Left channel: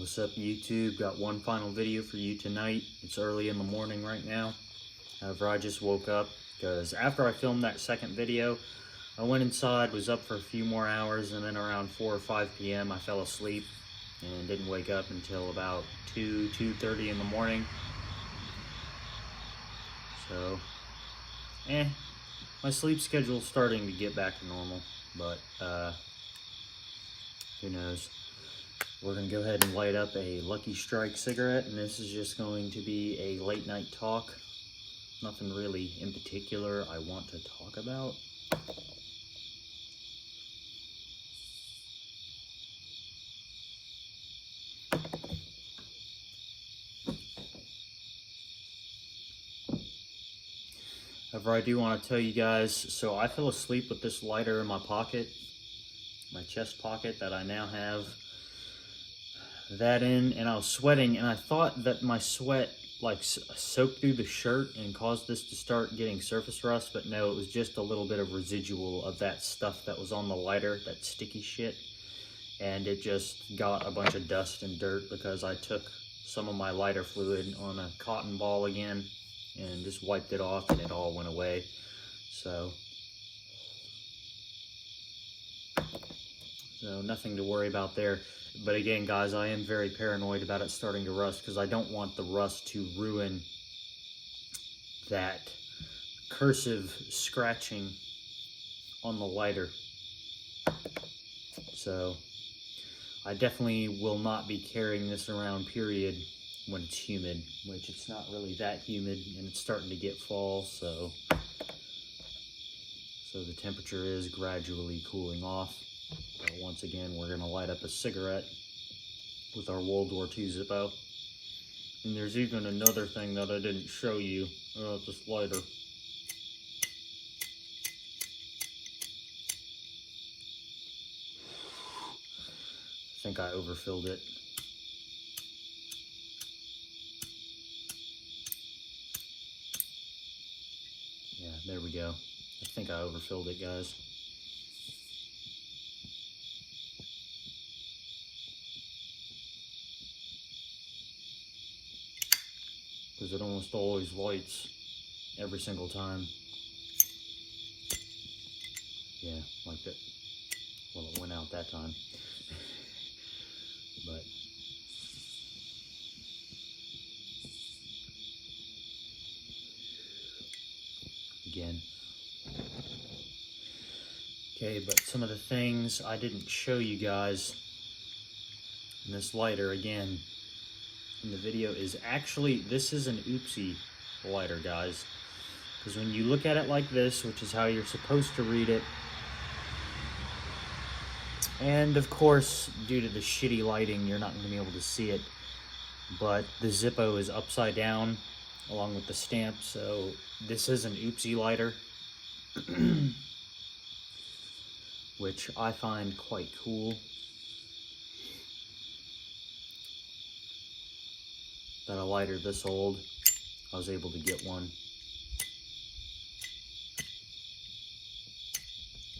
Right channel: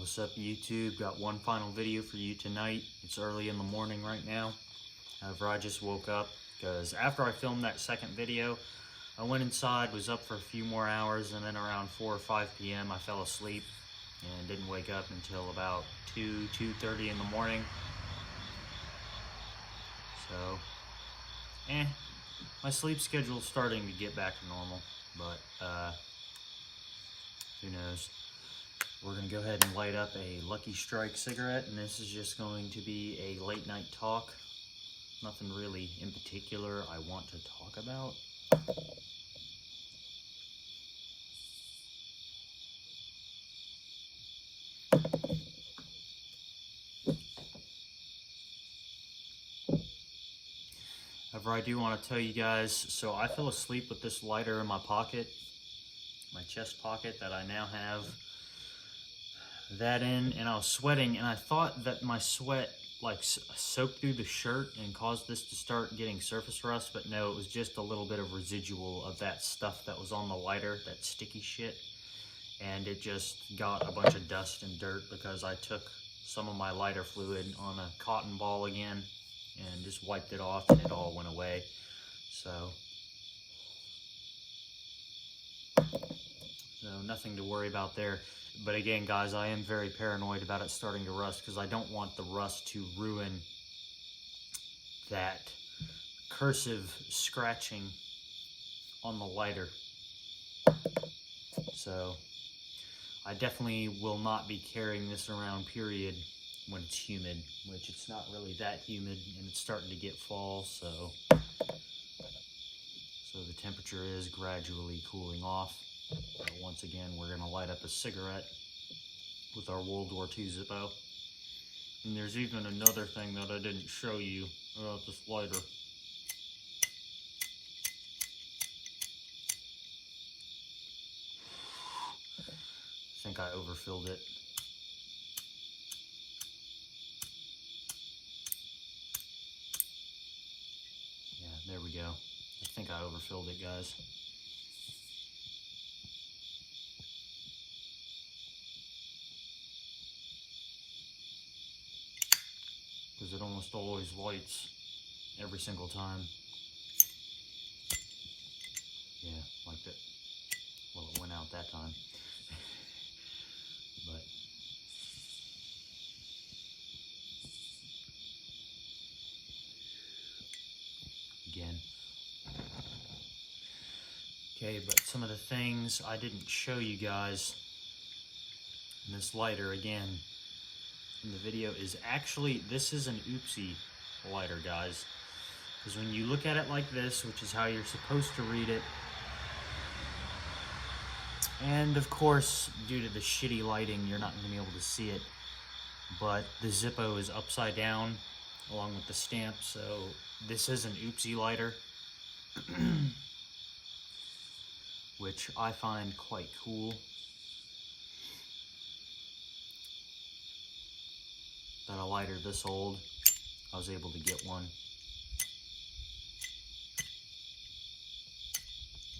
What's up, YouTube? Got one final video for you tonight. It's early in the morning right now. However, I just woke up because after I filmed that second video, I went inside, was up for a few more hours, and then around 4 or 5 p.m. I fell asleep and didn't wake up until about 2:30 in the morning. So, my sleep schedule's starting to get back to normal, but who knows. We're going to go ahead and light up a Lucky Strike cigarette, and this is just going to be a late night talk. Nothing really in particular I want to talk about. However, I do want to tell you guys, so I fell asleep with this lighter in my pocket, my chest pocket that I now have that in, and I was sweating, and I thought that my sweat like soaked through the shirt and caused this to start getting surface rust, but no, it was just a little bit of residual of that stuff that was on the lighter, that sticky shit, and it just got a bunch of dust and dirt because I took some of my lighter fluid on a cotton ball again and just wiped it off, and it all went away. So nothing to worry about there. But again, guys, I am very paranoid about it starting to rust because I don't want the rust to ruin that cursive scratching on the lighter. So I definitely will not be carrying this around, period, when it's humid, which it's not really that humid, and it's starting to get fall, so the temperature is gradually cooling off. Once again, we're going to light up a cigarette with our World War II Zippo. And there's even another thing that I didn't show you about this lighter. I think I overfilled it. Yeah, there we go. I think I overfilled it, guys. Because it almost always lights every single time. Yeah, like that. Well, it went out that time. But again. Okay, but some of the things I didn't show you guys in this lighter, again, in the video, is actually, this is an oopsie lighter, guys. Because when you look at it like this, which is how you're supposed to read it, and of course, due to the shitty lighting, you're not going to be able to see it, but the Zippo is upside down along with the stamp, so this is an oopsie lighter, which I find quite cool. That a lighter this old, I was able to get one.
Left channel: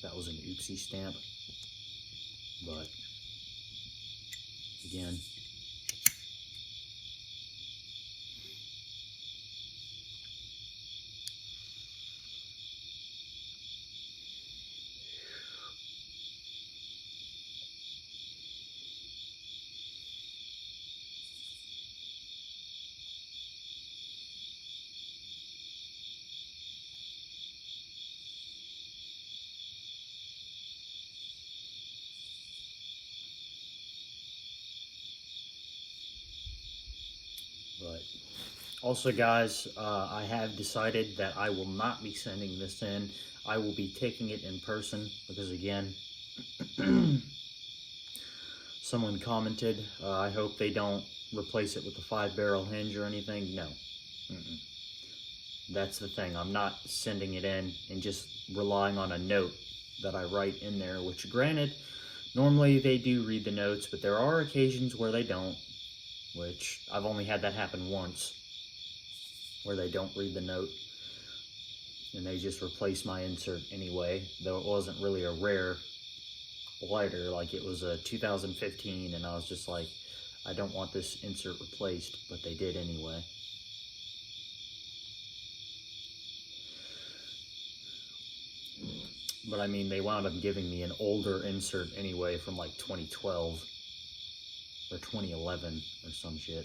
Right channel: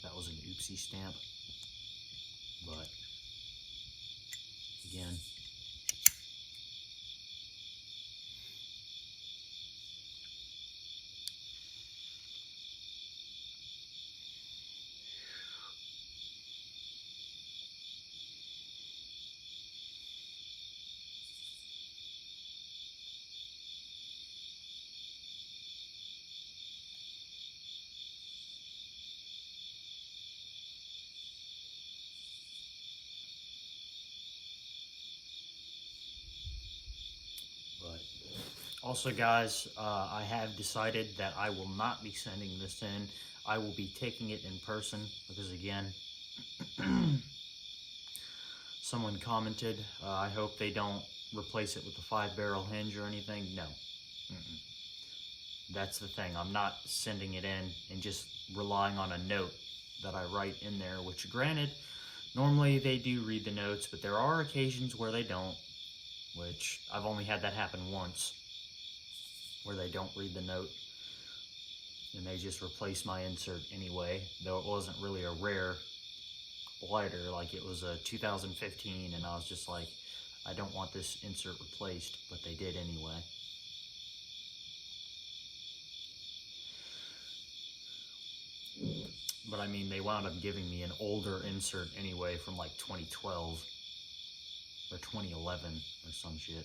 That was an oopsie stamp, but again, but also, guys, I have decided that I will not be sending this in. I will be taking it in person because, again, someone commented, I hope they don't replace it with a 5-barrel hinge or anything. No. That's the thing. I'm not sending it in and just relying on a note that I write in there, which, granted, normally they do read the notes, but there are occasions where they don't, which I've only had that happen once, where they don't read the note and they just replace my insert anyway, though it wasn't really a rare lighter, like it was a 2015, and I was just like, I don't want this insert replaced, but they did anyway. But I mean, they wound up giving me an older insert anyway from like 2012 or 2011 or some shit.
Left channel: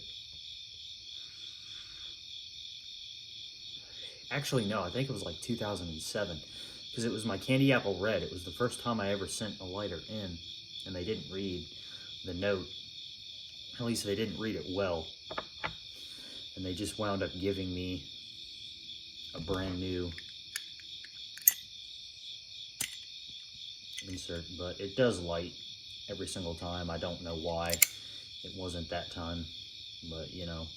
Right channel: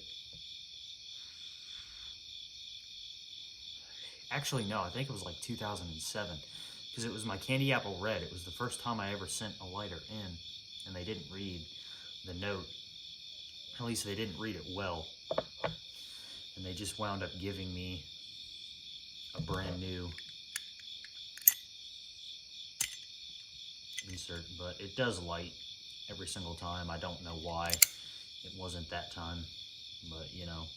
Actually, no, I think it was like 2007, because it was my Candy Apple Red. It was the first time I ever sent a lighter in, and they didn't read the note. At least they didn't read it well. And they just wound up giving me a brand new insert, but it does light every single time. I don't know why it wasn't that time, but you know,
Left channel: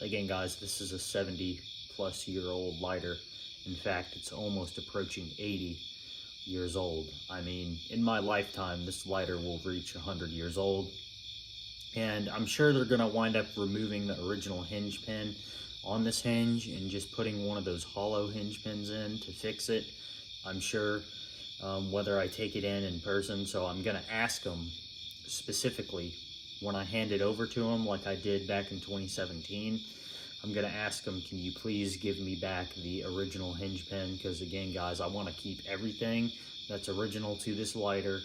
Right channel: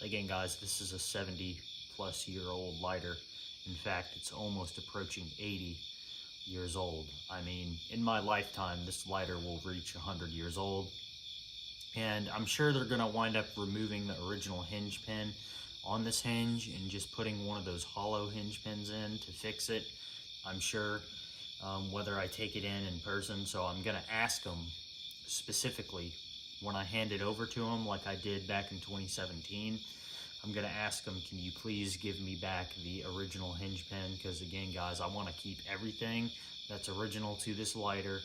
again guys, this is a 70-plus-year-old lighter. In fact, it's almost approaching 80 years old. I mean, in my lifetime, this lighter will reach 100 years old, and I'm sure they're gonna wind up removing the original hinge pin on this hinge and just putting one of those hollow hinge pins in to fix it. I'm sure, whether I take it in person. So I'm gonna ask them specifically when I hand it over to them, like I did back in 2017. I'm gonna ask them, can you please give me back the original hinge pin? Because again, guys, I want to keep everything that's original to this lighter.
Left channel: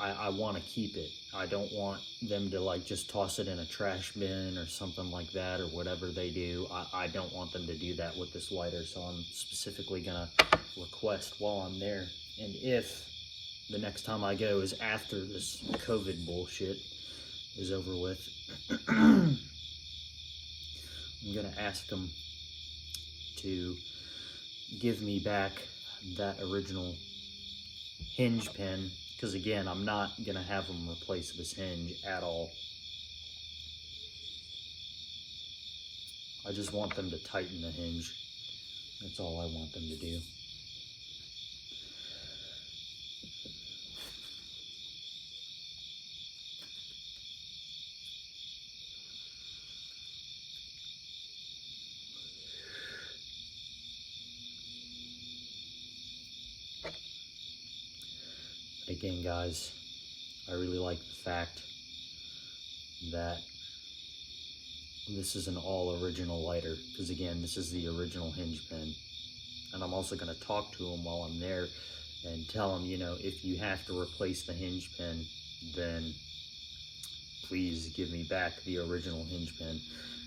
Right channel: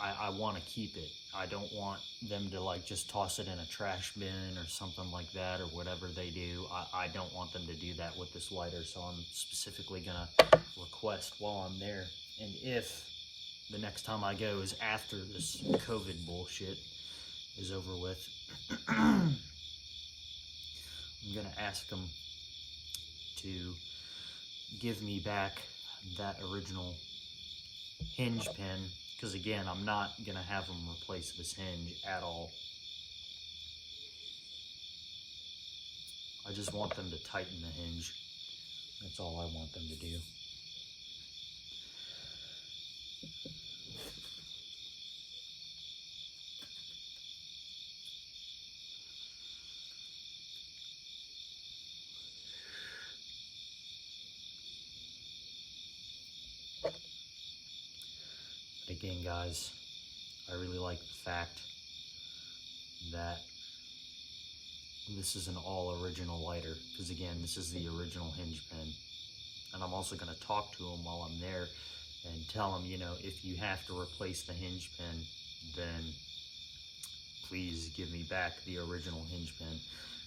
I want to keep it. I don't want them to like just toss it in a trash bin or something like that, or whatever they do. I don't want them to do that with this lighter. So I'm specifically gonna request while I'm there. And if the next time I go is after this COVID bullshit is over with, I'm gonna ask them to give me back that original hinge pin, because again, I'm not gonna have them replace this hinge at all. I just want them to tighten the hinge. That's all I want them to do. Again, guys, I really like the fact that this is an all original lighter, because again, this is the original hinge pin. And I'm also going to talk to them while I'm there and tell them, you know, if you have to replace the hinge pin, then please give me back the original hinge pin,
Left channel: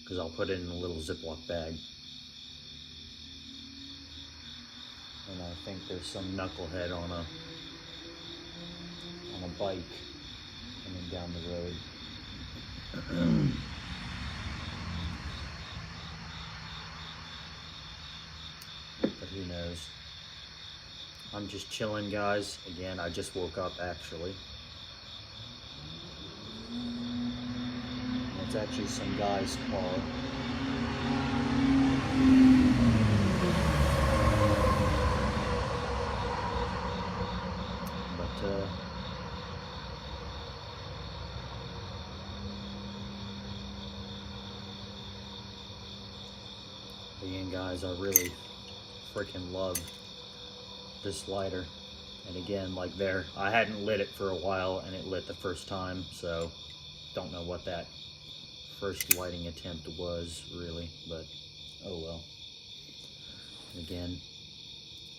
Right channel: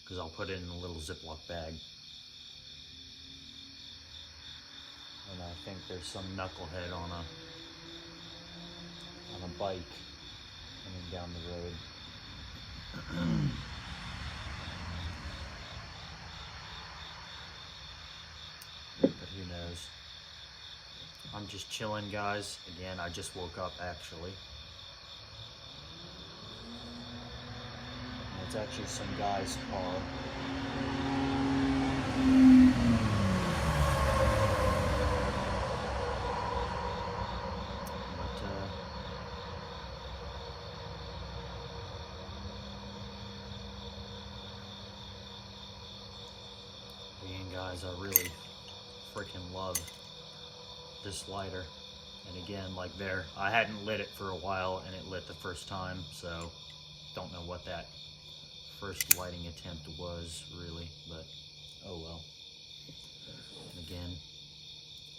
because I'll put it in a little Ziploc bag. And I think there's some knucklehead on a bike coming down the road. But who knows? I'm just chilling, guys. Again, I just woke up actually. And it's actually some guy's car. But again, guys, I really freaking love this lighter. And again, like there, I hadn't lit it for a while, and it lit the first time, so don't know what that first lighting attempt was really, but oh well. Again,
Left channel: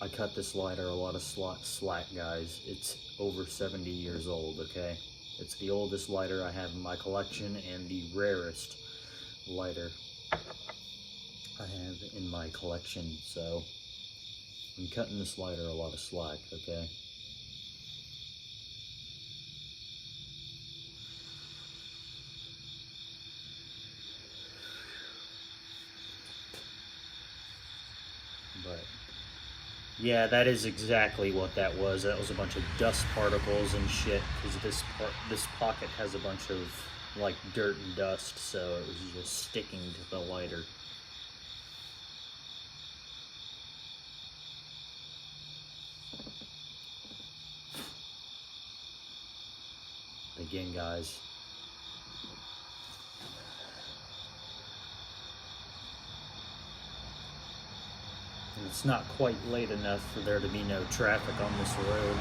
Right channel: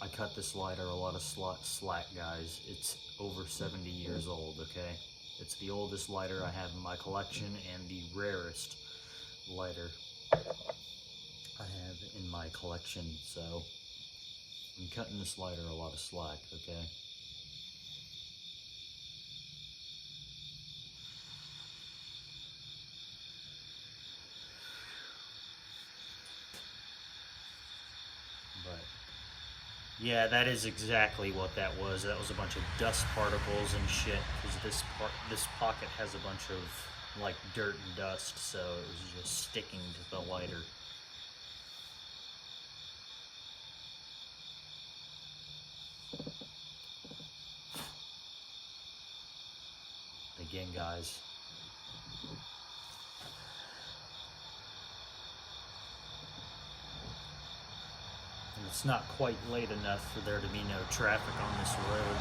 I cut this lighter a lot of slack, guys. It's over 70 years old, okay? It's the oldest lighter I have in my collection, and the rarest lighter I have in my collection, so I'm cutting this lighter a lot of slack, okay? But yeah, that is exactly what that was. That was a bunch of dust particles and shit, because this pocket has a bunch of like dirt and dust, so it was just sticking to the lighter. Again, guys, and it's not quite late enough for there to be no traffic on this road.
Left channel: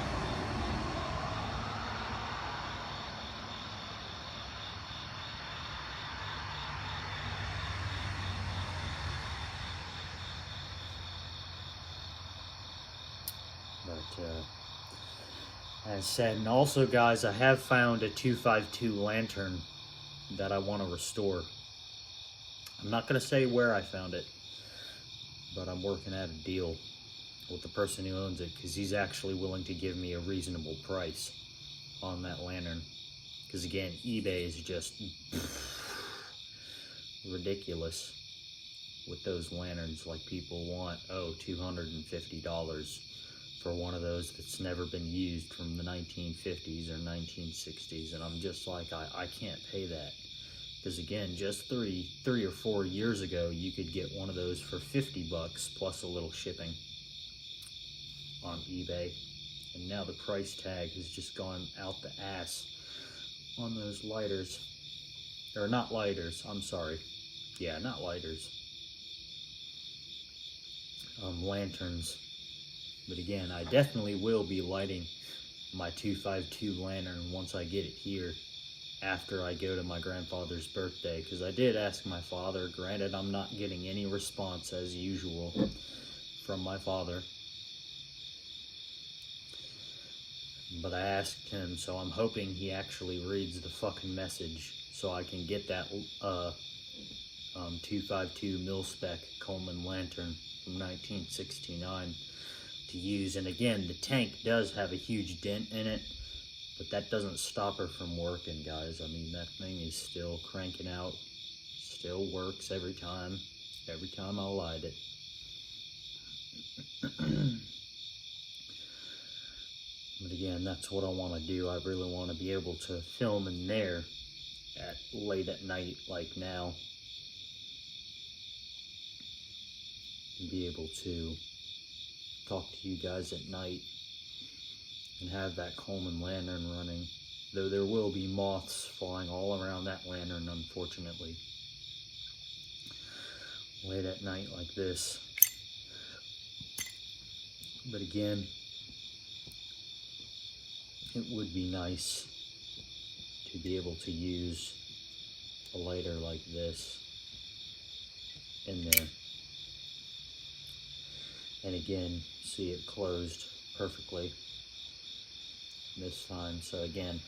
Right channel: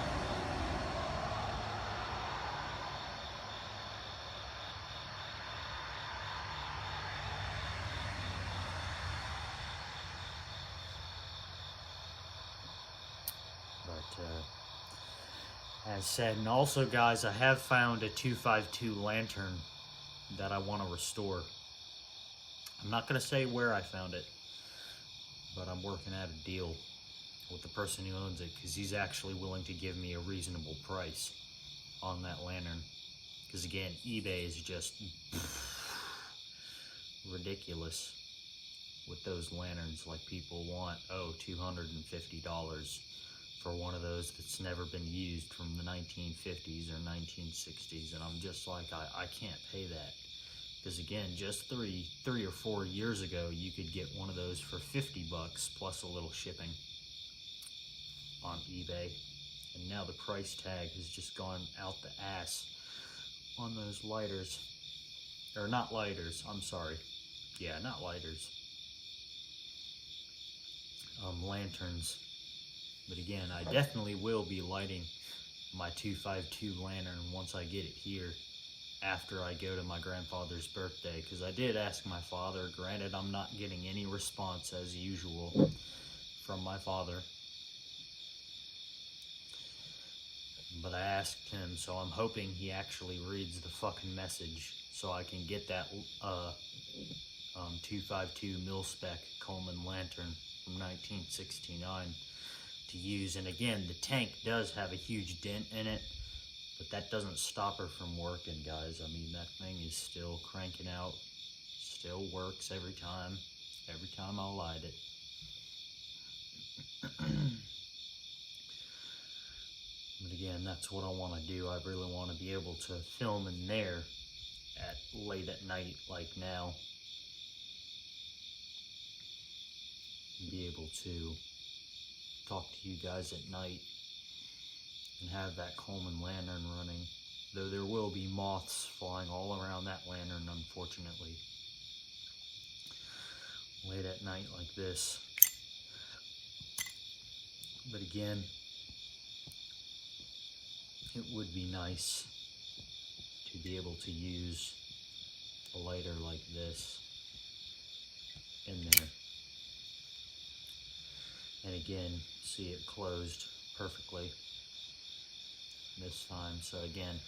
as said, and also guys, I have found a 252 lantern that I want to restore. I'm not going to say where I found it, but I'm working out a deal with the person who owns it, because he's actually willing to give me a reasonable price on that lantern. Because again, eBay is just ridiculous with those lanterns. Like, people want, oh, $250 for one of those that's never been used from the 1950s or 1960s, and I'm just like, I can't pay that. Because again, just three or 4 years ago, you could get one of those for $50 plus a little shipping on eBay, and now the price tag has just gone out the ass on those lighters, or not lighters, I'm sorry, yeah, not lighters, lanterns. But again, I definitely will be lighting my 252 lantern once I get it here, after I go to my grandfather's birthday, because I did ask my father. Granted, I'm not getting any response as usual from my father, but I asked him, so I'm hoping he actually reads the fucking message so I can get that 252 mil-spec Coleman lantern from 1969 to use. And again, the tank does have a huge dent in it, but that doesn't stop her from working, guys. I mean, that thing is still cranking out, still works every time I light it. But again, that's what I want to do. I really want to be able to film in there late at night, like now, and be able to talk to you guys at night and have that Coleman lantern running. Though there will be moths flying all around that lantern, unfortunately, late at night like this. But again, it would be nice to be able to use a lighter like this in there. And again, see it closed perfectly this time. So again,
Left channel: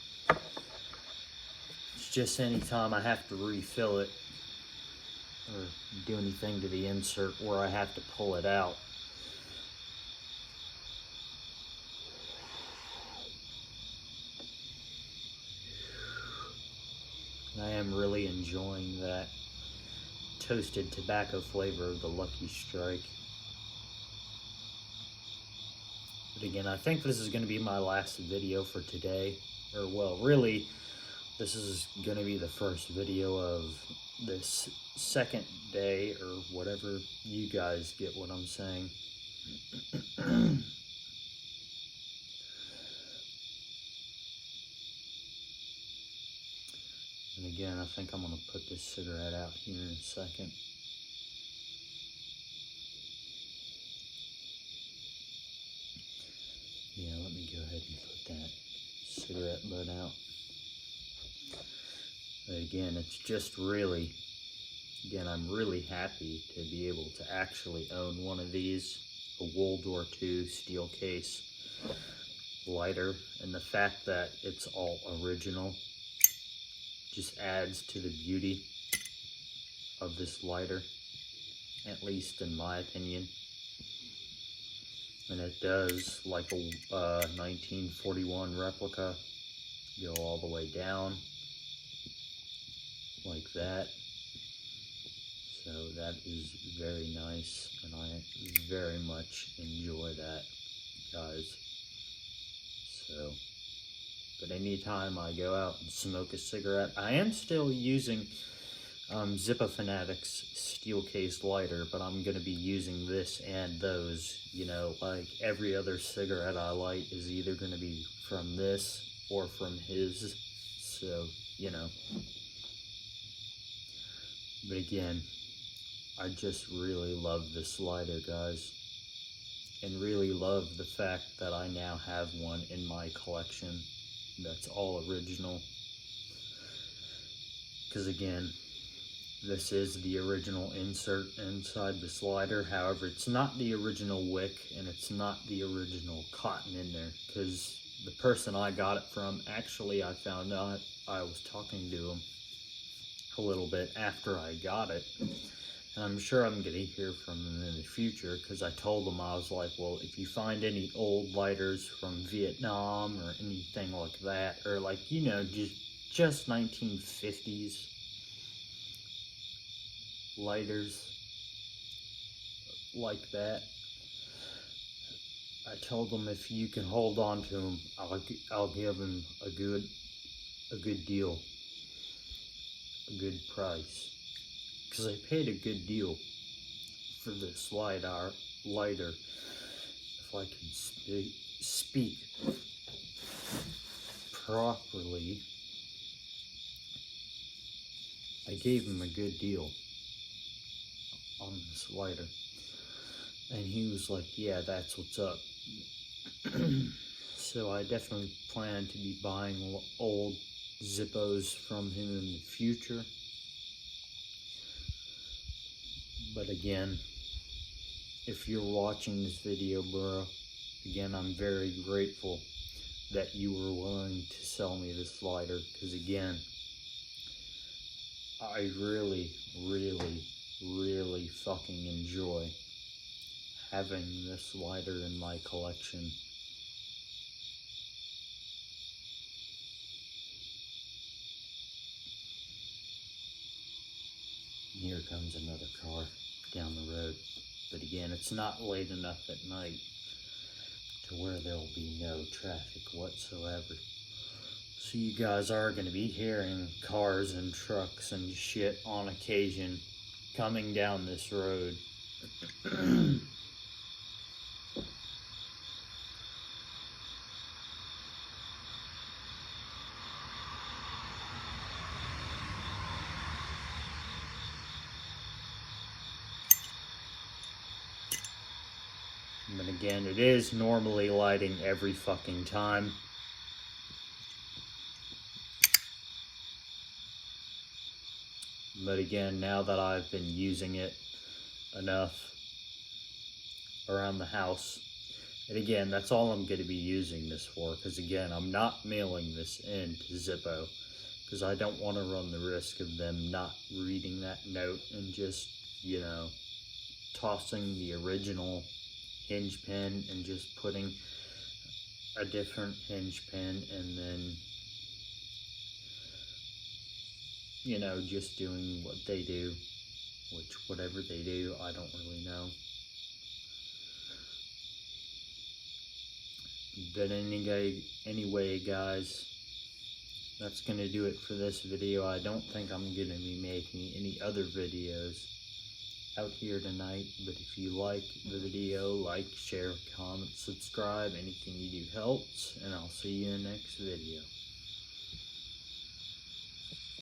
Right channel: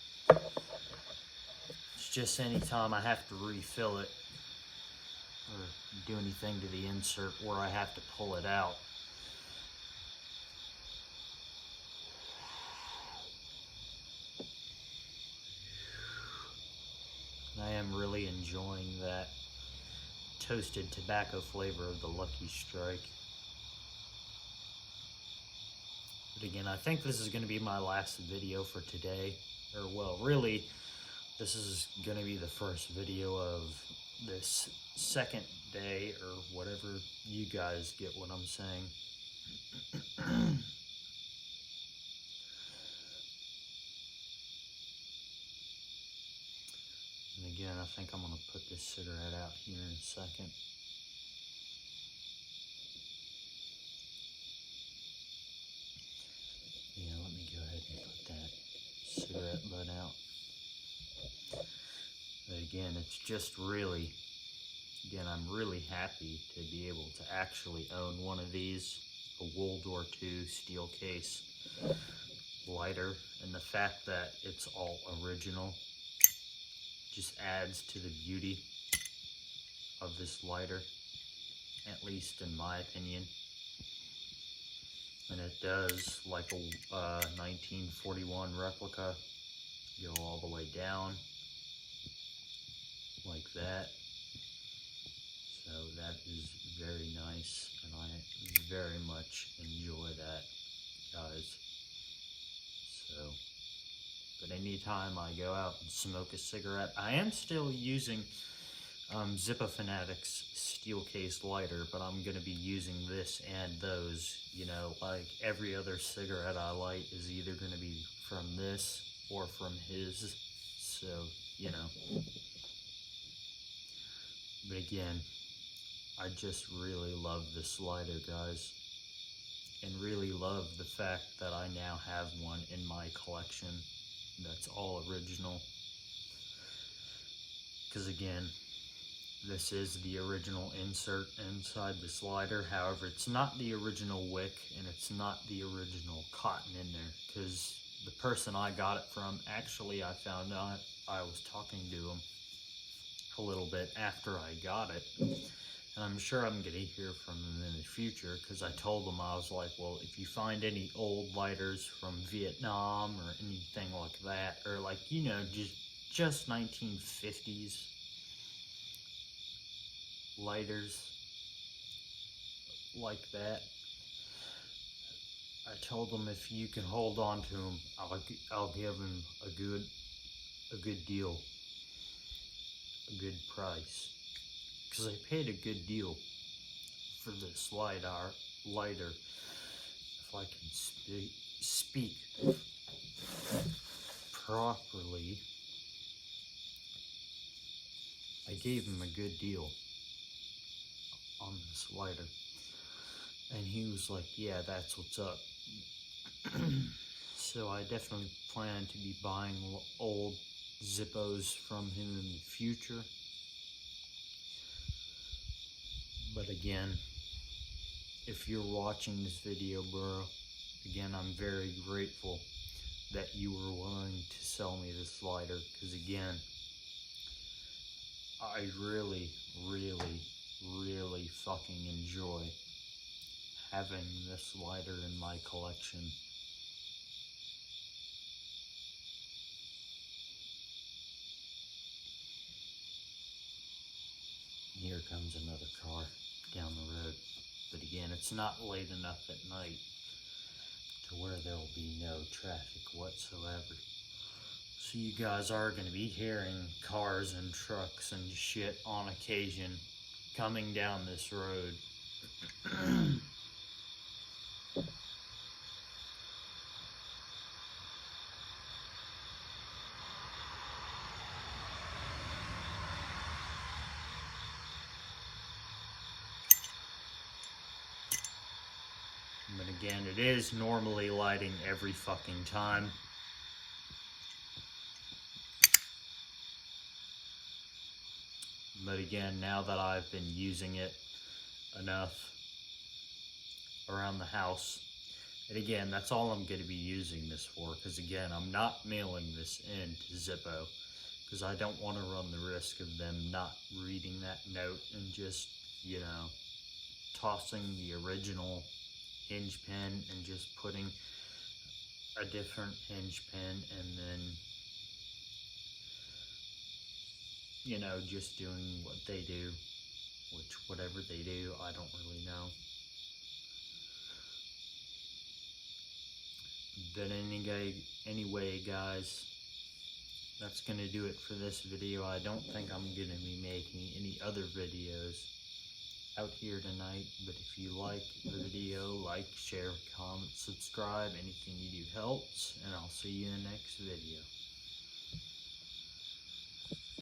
it's just any time I have to refill it or do anything to the insert where I have to pull it out, I am really enjoying that toasted tobacco flavor of the Lucky Strike. But again, I think this is going to be my last video for today. Or, well, really, this is going to be the first video of this second day, or whatever. You guys get what I'm saying. And again, I think I'm going to put this cigarette out here in a second. Yeah, let me go ahead and put that cigarette butt out. But again, it's just really, again, I'm really happy to be able to actually own one of these, a World War II steel case lighter, and the fact that it's all original just adds to the beauty of this lighter, at least in my opinion. And it does, like a 1941 replica, go all the way down like that. So that is very nice, and I very much enjoy that, guys. So, but anytime I go out and smoke a cigarette, I am still using Zippo Fanatics steel case lighter, but I'm going to be using this and those. You know, like every other cigarette I light is either going to be from this or from his. So, you know. But again, I just really love this lighter, guys. And really love the fact that I now have one in my collection that's all original. Because again, This is the original insert inside the slider. However, it's not the original wick and it's not the original cotton in there, because the person I got it from, actually I found out, I was talking to him a little bit after I got it, and I'm sure I'm going to hear from him in the future, because I told him, I was like, well, if you find any old lighters from Vietnam or anything like that, or like, you know, just 1950s lighters like that, I told him if you can hold on to them, I'll give him a good deal, a good price, because I paid a good deal for this lighter. If I can speak properly, I gave him a good deal on this lighter, and he was like, yeah, that's what's up. So I definitely plan to be buying old Zippos from him in the future. But again, if you're watching this video, bro, again, I'm very grateful that you were willing to sell me this lighter, because again, I really, really, really fucking enjoy having this lighter in my collection. Here comes another car down the road. But again, it's not late enough at night to where there'll be no traffic whatsoever. So you guys are going to be hearing cars and trucks and shit on occasion coming down this road. But again, it is normally lighting every fucking time. But again, now that I've been using it enough around the house, and again, that's all I'm going to be using this for, because again, I'm not mailing this in to Zippo, because I don't want to run the risk of them not reading that note and just, you know, tossing the original hinge pin and just putting a different hinge pin, and then, you know, just doing what they do, which whatever they do, I don't really know. But anyway, guys, that's going to do it for this video. I don't think I'm going to be making any other videos out here tonight, but if you like the video, like, share, comment, subscribe. Anything you do helps, and I'll see you in the next video.